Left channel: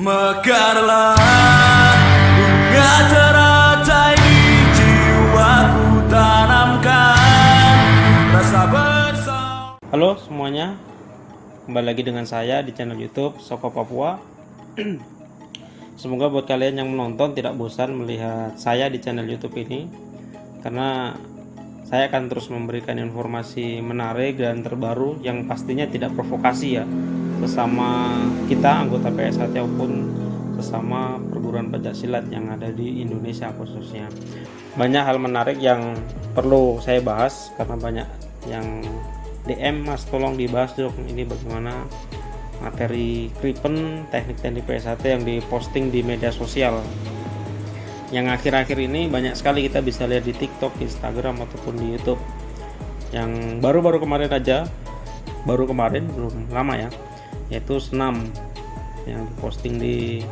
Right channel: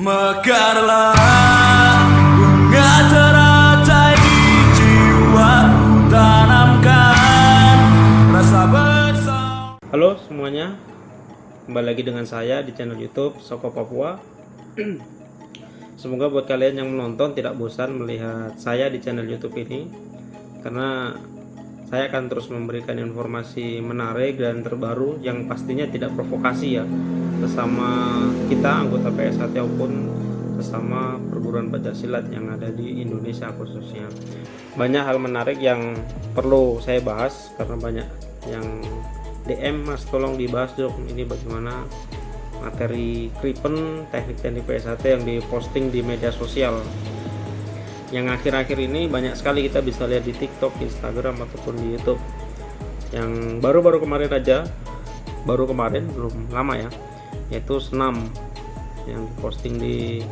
Mekarlah bunga teratai di jiwaku, tanamkan rasa bersama. Halo semuanya, kembali lagi dengan saya di channel YouTube Soko Papua. Semoga buat kalian yang menonton tidak bosan melihat saya di channel YouTube ini, karena saya akan terus memberikan informasi menarik dan terbaru yang pastinya tidak provokasi ya, sesama kita anggota PSHT maupun sesama perguruan pencak silat yang ada di Indonesia khususnya. Banyak hal menarik yang perlu saya bahas karena banyak yang DM, Mas tolong dibahas dong ini bagaimana materi Kripen, teknik-teknik PSHT yang diposting di media sosial. Yang akhir-akhir ini banyak sekali kita bisa lihat di TikTok, Instagram ataupun di YouTube. Yang baru-baru kemarin aja, belum lama ya, yaitu senam yang diposting di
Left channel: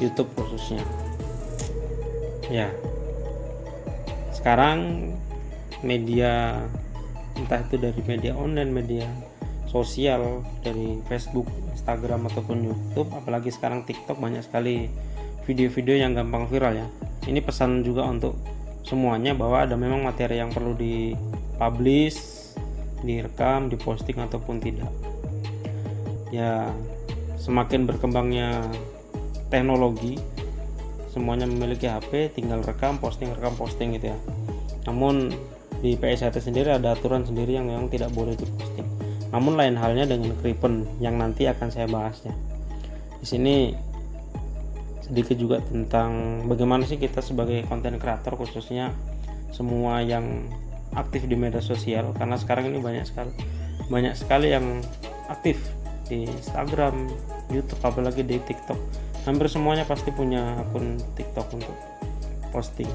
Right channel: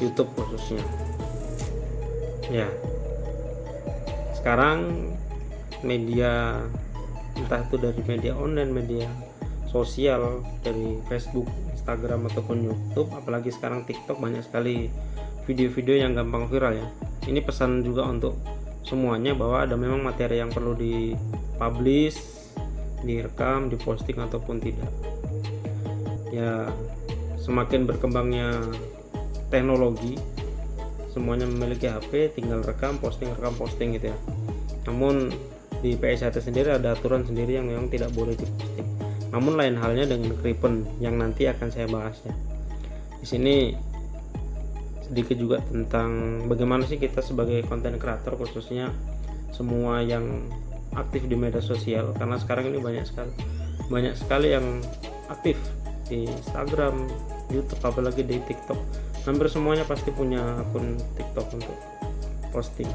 YouTube khususnya. Ya, sekarang media, entah itu dari media online, media sosial, dari Facebook, Instagram ataupun YouTube, apalagi sekarang TikTok, banyak sekali video-video yang gampang viral ya. Ini pesan juga untuk semuanya bahwa ada memang materi yang perlu dipublish, direkam, diposting ataupun tidak. Ya, semakin berkembangnya teknologi, semuanya memiliki HP, tinggal rekam posting gitu ya. Namun di PSHT sendiri ada aturan sendiri yang memang tidak boleh diposting. Namun lain halnya dengan Kripen yang nanti akan saya bahas ya. Di sini sedikit juga tentang bagaimana sih kita sebagai konten kreator, khususnya semua yang aktif di media sosial, karena sekarang ini banyak sekali yang aktif di Instagram, YouTube, apalagi di TikTok. Hampir semuanya pasti punya akun TikTok untuk posting.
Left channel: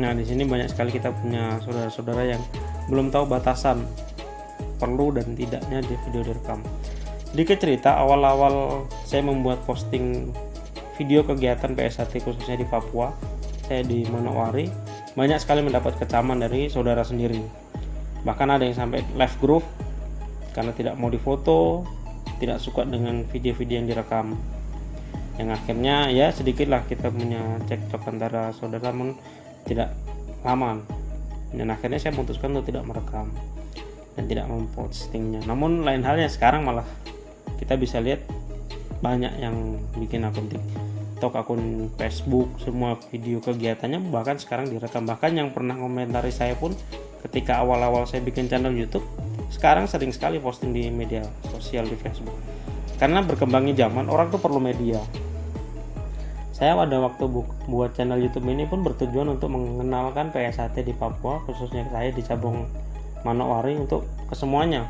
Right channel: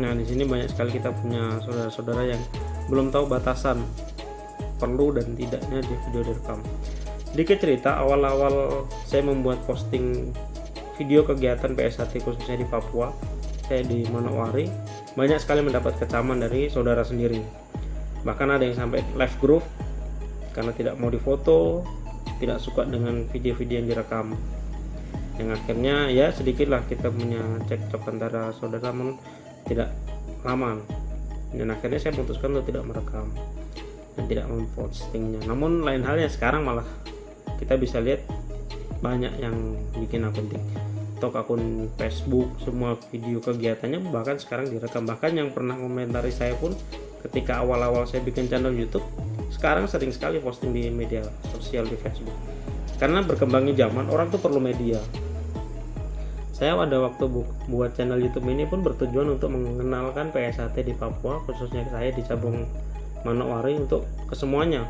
Nah, di sini banyak sekali kita punya saudara-saudara yang belum tahu batasan perlu dan tidaknya di video direkam. Sedikit cerita, awal-awal saya membuat posting video kegiatan PSHT khususnya di Papua, saya di Manowari, banyak sekali mendapat kecaman dari saudara sendiri. Bahkan ada yang sampai live group karena tidak mau difoto, tidak suka dengan video-video yang direkam. Yang akhirnya ya sedikitlah kita punya cekcok antara saudara, tidak lama. Dan akhirnya saya memutuskan untuk tidak merekam dan tidak mempostingnya. Namun lain halnya sekarang malah kita bisa lihat banyak yang bikin akun TikTok, akun Facebook, semua video kegiatannya bahkan sekarang direkam. Bahkan yang pernah komentari saya pun ketika awal-awal saya bikin channel YouTube, sekarang sering sekali posting di media sosial di Facebook. Karena berkembangnya zaman, orang tuh perlu media. Saya pada waktu buat channel YouTube ini pun bertujuan untuk mengenalkan PSHT di Papua, khususnya saya di cabang Manowari, untuk kesemuanya.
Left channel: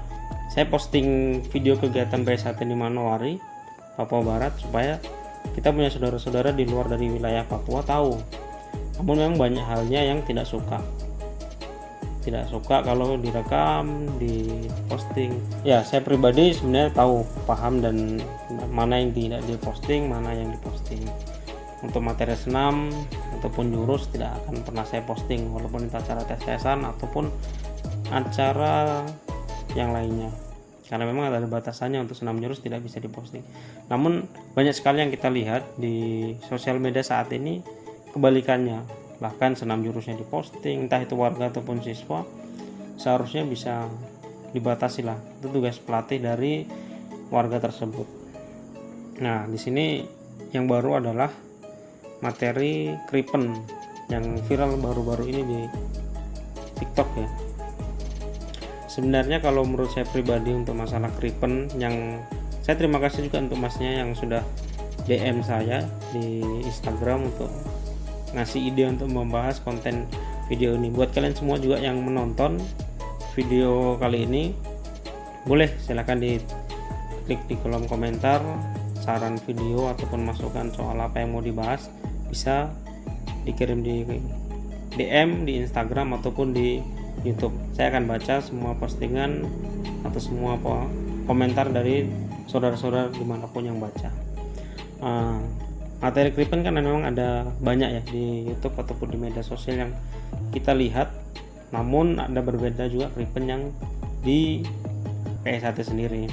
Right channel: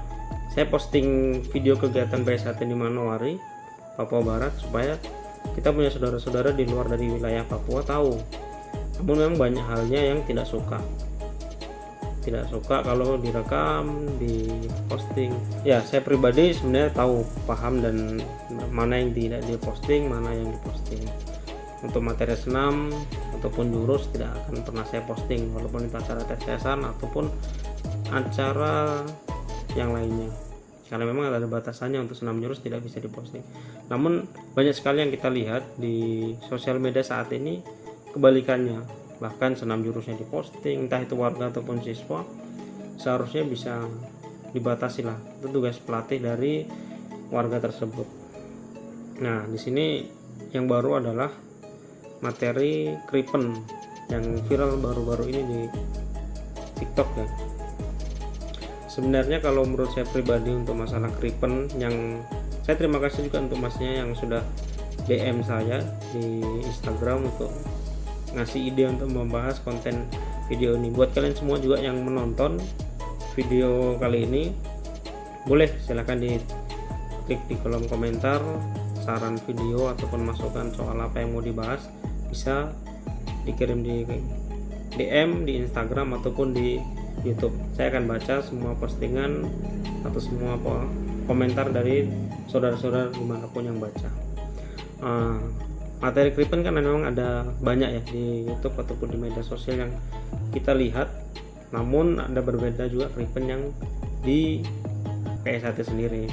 Saya posting video kegiatan PSHT di Manowari, Papua Barat, supaya kita punya saudara-saudara di luar dari wilayah Papua tahu. Namun memang banyak halnya yang tidak suka kalau direkam, diposting. Ya, saya pribadi sebenarnya tahu, paham, dan mana yang tidak diposting, mana yang diposting. Untuk materi senam ataupun jurus tidak akan pernah saya posting, walaupun itu acara tes-tesan ataupun acara yang lainnya, karena memang ada batasannya. Untuk senam jurus tidak bisa diposting. Namun banyak sekali yang kita lihat di sosial media saat ini kebalikannya, bahkan senam jurusnya diposting, entah itu warga ataupun siswa. Seharusnya bisa dibatasi lah, itu tugas pelatih dari warga tersebut. Nah, di sini yang baru adalah materi Kripen yang viral baru-baru ini di TikTok ya. Sebenarnya kalau menurut saya pribadi untuk masalah Kripen, yang saya terima kasih juga untuk masnya yang sudah DM saya di Instagram untuk ngasih ide untuk membahas konten video ini. Buat kalian semua juga yang menonton video kali ini, boleh silahkan klik di kolom komentar saran video ataupun masukan soal apa yang mau dibahas, bisa dikirim di DM di Instagram ataupun di YouTube. Saya akan baca semua postingan atau semua komentar dari saudara-saudara dimanapun yang baca. Materi Kripen kan memang ada banyak ya di YouTube ataupun di media sosial yang kita lihat, namun ada berbeda juga Kripen yang di PSHT sendiri.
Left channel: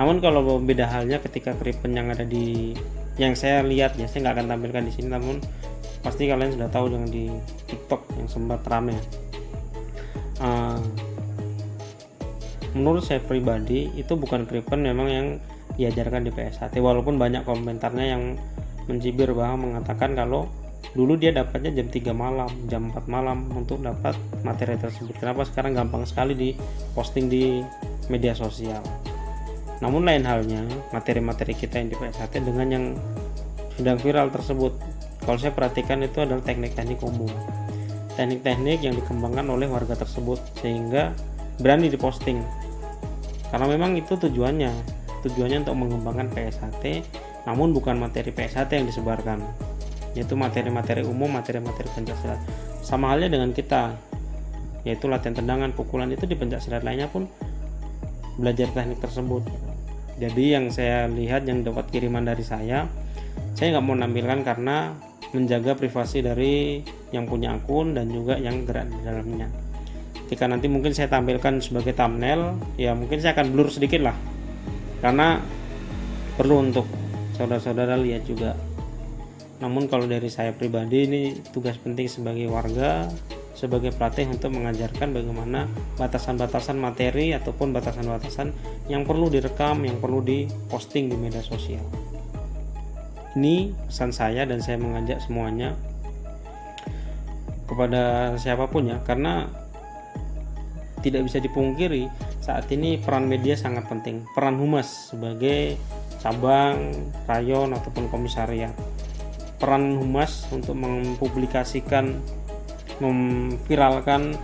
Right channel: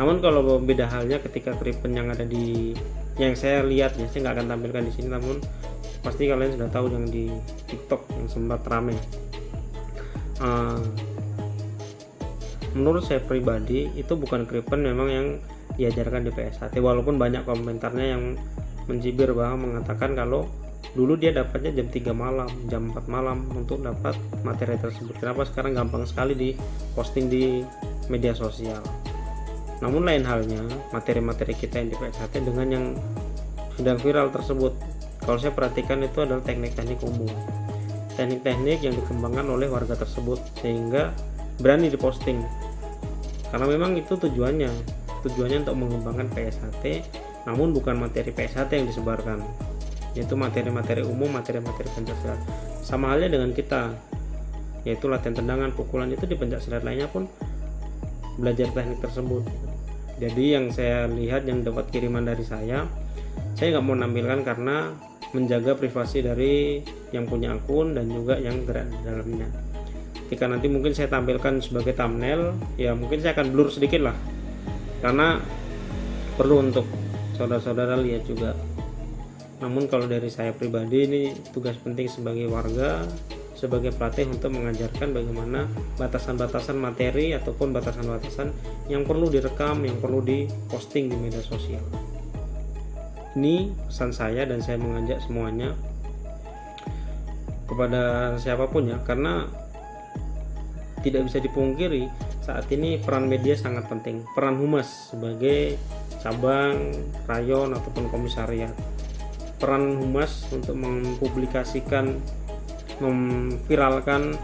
Namun kalau beda halnya ketika Kripen yang ada di yang saya lihat ya, saya nggak akan tampilkan di sini, namun pasti kalian sudah tahu yang di TikTok yang sempat rame. Menurut saya pribadi itu bukan Kripen memang yang diajarkan di PSHT, walaupun banyak komentarnya yang mencibir bahwa mengatakan kalau dulu dia dapatnya jam 3 malam, jam 4 malam untuk dapat materi tersebut. Kenapa sekarang gampang sekali di posting di media sosial. Namun lain halnya materi-materi kita yang di PSHT dengan yang sudah viral tersebut. Kalau saya perhatikan itu adalah teknik-teknik umum, teknik-teknik yang dikembangkan oleh warga tersebut sehingga berani diposting. Karena memang itu tujuannya untuk mengembangkan PSHT, namun bukan materi PSHT yang disebarkan, yaitu materi-materi umum, materi-materi pencaksilat. Sama halnya dengan kita, yaitu latihan tendangan, pukulan, itu di pencaksilat lainnya pun belajar teknik tersebut. Jadi yang saya lihat, yang dapat kiriman dari saya nggak mau nampilkan karena menjaga privasi dari yang punya akun dan juga yang berada di dalamnya. Ketika nanti mungkin saya tampilkan sebagai thumbnail, ya mungkin saya akan blur sedikit lah, karena perlu untuk saudara-saudara lihat juga. Namun kalau dari saya pribadi, ini tugas penting sebagai warga, sebagai pelatih untuk mengajarkan bagaimana batasan-batasan materi ataupun batasan-batasan yang perlu direkam, yang perlu diposting di media sosial. Ini pesan saya, dan saya mengajak semuanya kepada siapapun ya, karena tidak bisa dipungkiri saat ini peran media sangat penting. Peran humas sebagai cabang, rayon ataupun komisariat, peran humas untuk mempublikasikan, memviralkan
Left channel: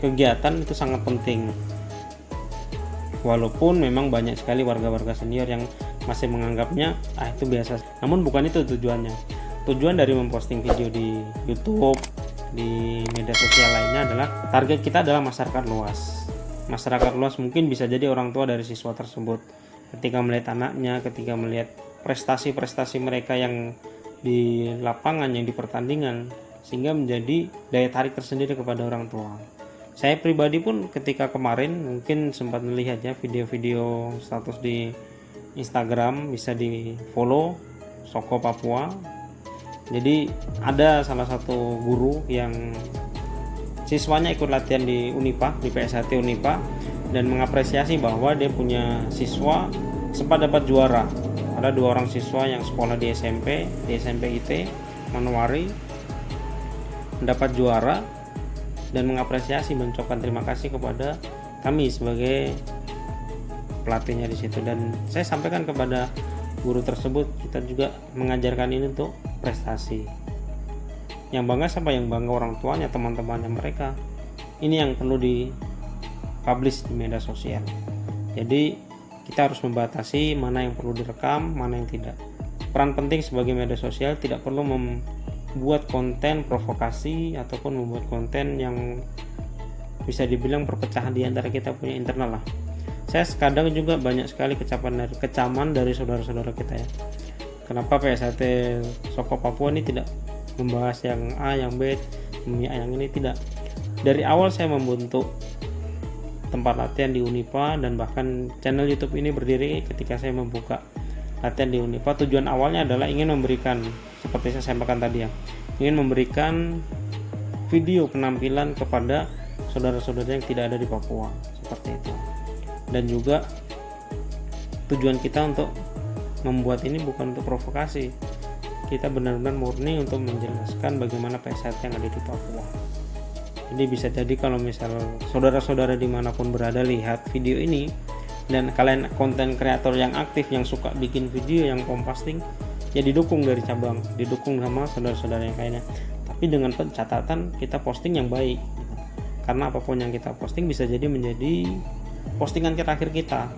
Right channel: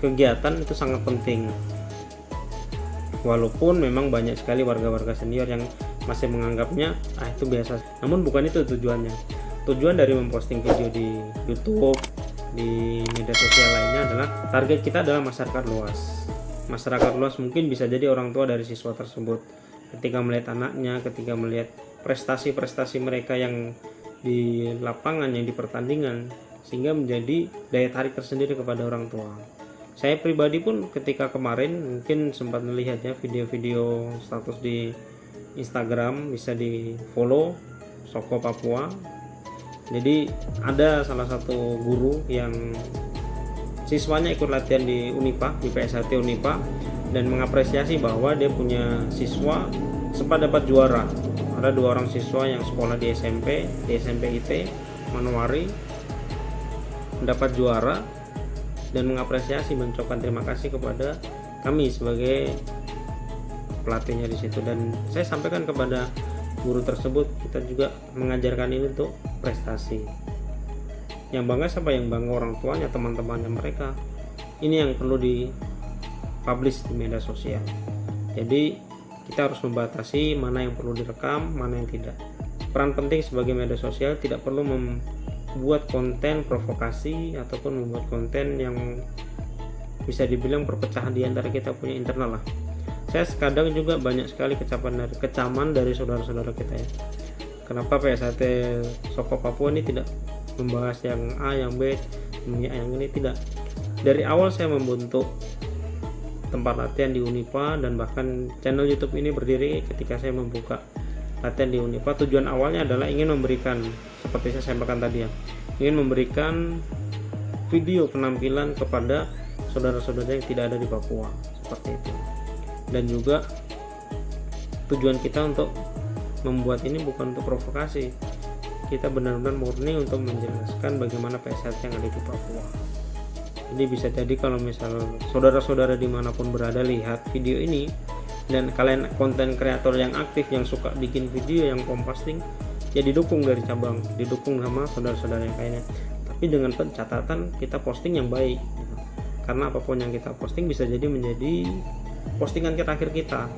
kegiatan itu sangat penting. Walaupun memang banyak sekali warga-warga senior yang masih menganggapnya itu biasa, namun bukan itu tujuannya. Tujuan dari memposting video di YouTube, di media sosial lainnya adalah target kita adalah masyarakat luas. Masyarakat luas mungkin bisa jadi orang tua dari siswa tersebut. Ketika melihat anaknya, ketika melihat prestasi-prestasi mereka yang di lapangan, yang di pertandingan, sehingga menjadi daya tarik tersendiri kepada orang tua. Saya pribadi pun ketika kemarin mungkin sempat melihat ya video-video status di Instagram, bisa di follow Soko Papua. Jadi ada salah satu guru yang siswanya ikut latihan di Unipa, di PSHT Unipa, dan mengapresiasi bahwa dia punya siswa sempat dapat juara. Ada 2 orang siswa yang sekolah di SMP IT Manuwari mendapat juara, dan mengapresiasi, mengucapkan terima kasih kepada kami sebagai pelatihnya di situ. Dan saya sampaikan kepada guru tersebut, kita juga mengajarkan ini untuk prestasi. Yang bangga siapa? Yang bangga orang tuanya, teman-temannya mereka. Ini yang perlu dipublish di media sosial. Jadi kita harus membatasi mana yang perlu direkam, mana yang tidak. Peran penting sebagai media sosial tidak perlu membuat konten provokasi ataupun membuat konten yang bisa dibilang perpecahan di antara kita punya internal lah. Saya kadang juga banyak sekali kecaman dari saudara-saudara kita ya. Kenapa PSHT Soko Papua ini tidak membahas yang A, yang B, yang ini tidak. Dari awal saya membentuk tempat latihan di Unipa, dan bahkan channel YouTube ini berdiri ketika saya membuka latihan di Unipa. Tujuan awalnya adalah ingin memberikan, seperti saya sampaikan tadi ya, ingin memberikan video penampilan kepada saudara-saudara yang tidak ada di Papua, seperti itu. Dan juga tujuan kita untuk membuat ini bukan untuk provokasi, kita benar-benar murni untuk menjelaskan bagaimana PSHT yang ada di Papua. Jadi bisa jadi kalau misal saudara-saudara dimanapun berada lihat video ini, dan kalian konten kreator yang aktif yang suka bikin video yang posting, ya didukung dari cabang, didukung sama saudara-saudara yang lainnya. Tapi dengan catatan kita posting yang baik gitu. Karena apapun yang kita posting bisa jadi menjadi postingan terakhir kita,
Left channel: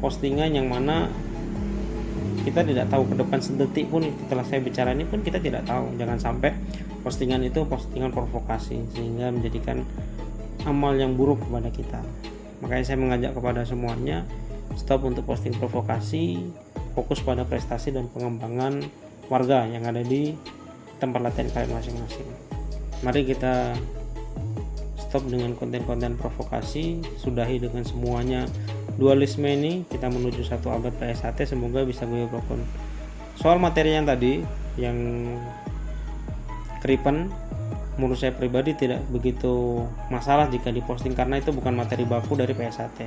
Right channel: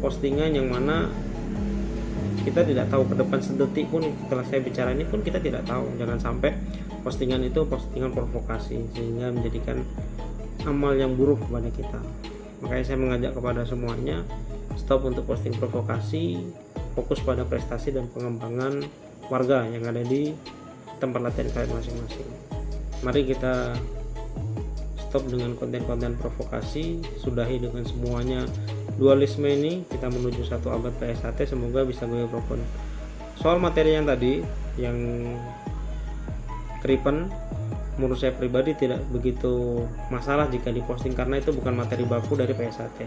postingan yang mana kita tidak tahu ke depan sedetik pun setelah saya bicara ini pun kita tidak tahu. Jangan sampai postingan itu postingan provokasi sehingga menjadikan amal yang buruk kepada kita. Makanya saya mengajak kepada semuanya, stop untuk posting provokasi, fokus pada prestasi dan pengembangan warga yang ada di tempat latihan kalian masing-masing. Mari kita stop dengan konten-konten provokasi, sudahi dengan semuanya dualisme ini. Kita menuju satu abad PSHT, semoga bisa gue apapun Soal materi yang tadi yang Kripen, menurut saya pribadi tidak begitu masalah jika diposting karena itu bukan materi baku dari PSAT.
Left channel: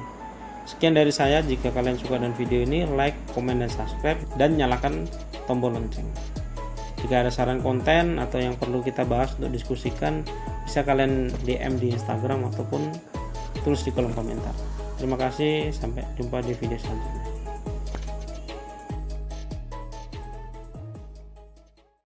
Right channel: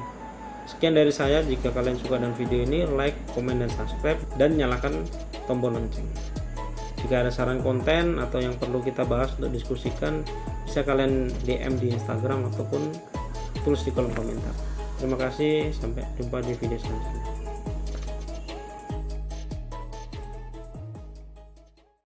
Sekian dari saya. Jika kalian suka dengan video ini, like, komen, dan subscribe, dan nyalakan tombol lonceng. Jika ada saran konten atau yang perlu kita bahas untuk diskusikan, bisa kalian DM di Instagram ataupun tulis di kolom komentar. Terima kasih, sampai jumpa di video selanjutnya.